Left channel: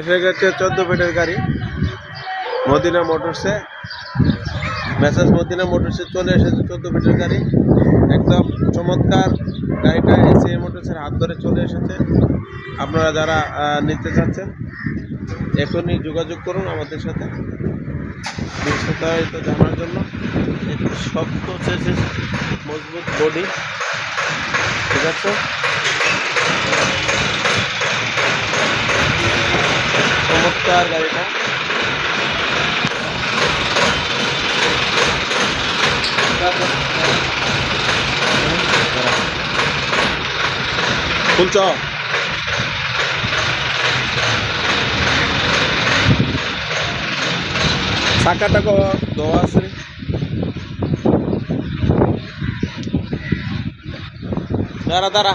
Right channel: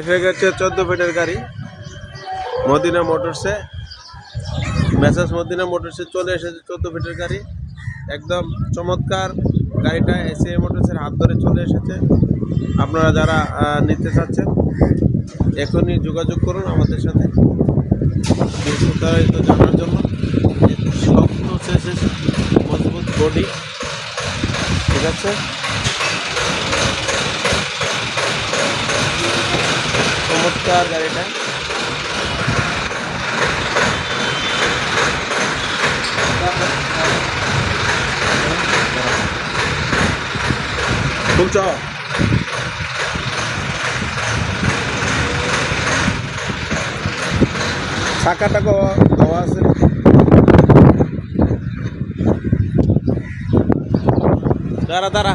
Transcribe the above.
এসে গেছে 14 ফিটের গাড়ি মদিনা মোটরসে। মেসাজ মদিনা মোটরসে চলে এসেছে 14 ফিটের গাড়ি। একদম চমৎকার গাড়িটা এসিএ মোটরসের হাত ধরে চলে এসেছে। আপনারা যারা নিতে চাচ্ছেন এখনই যোগাযোগ করুন আমাদের সাথে বিস্তারিত জানার জন্য। শক্ত চেসিস, মজবুত বডি, ঠিক আছে। চমৎকার গাড়িটা। খুলছ চাকাটা দেওয়া আছে, দাঁড়া দাঁড়া।